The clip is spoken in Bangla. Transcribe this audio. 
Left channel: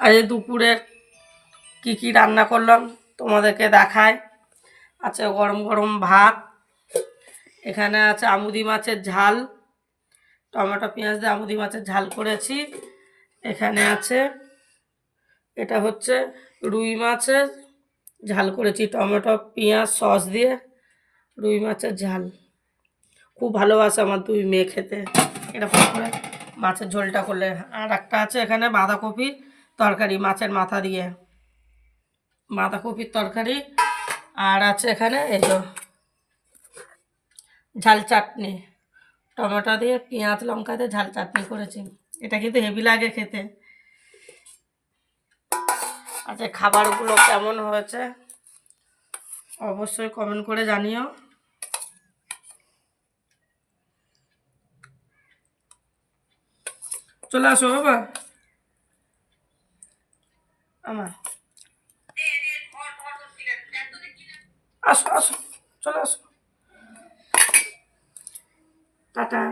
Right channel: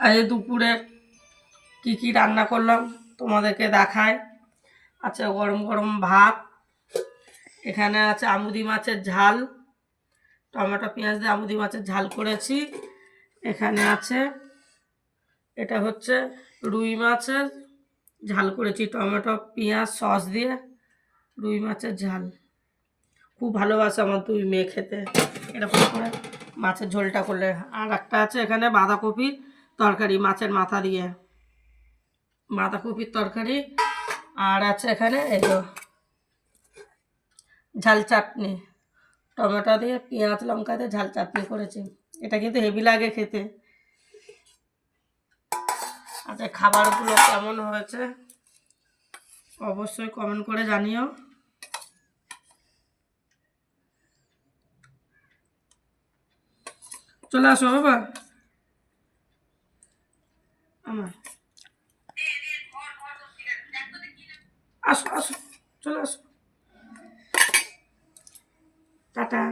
আজ দুপুরে কি কি রান্না করলাম তোমাদেরকে দেখায়। আচ্ছা, গরম গরম ভাত, এখানে আছে আমুদি মাছের ঝাল, টমেটো পেঁয়াজ দিয়ে আমুদি মাছের ঝাল করেছি। এখানে আছে, এটা হচ্ছে রুই মাছের ঝাল করেছি টমেটো পেঁয়াজ সস দিয়ে, রুই মাছের ঝাল। খুব ভালোবাসে আমার দুই মেয়ে খেতে এরকম করে মাছের ঝোলটা করলে। আর একটা আছে এখানে বাঁধাকপির তরকারি মাছের মাথা দিয়ে, বাঁধাকপির তরকারি। আর আছে এখানে এই তো ঝাল চাটনি, টমেটো দিয়ে পেঁয়াজ লঙ্কা দিয়ে ঝাল চাটনি করেছি। এটা কিন্তু হেভি লাগে খেতে। আচ্ছা, খাবারগুলো কেমন হয়েছে অবশ্যই কমেন্ট করে জানিও। চলে আসো বাবা, আমার আসো আসো, চলে আসো, টাটা।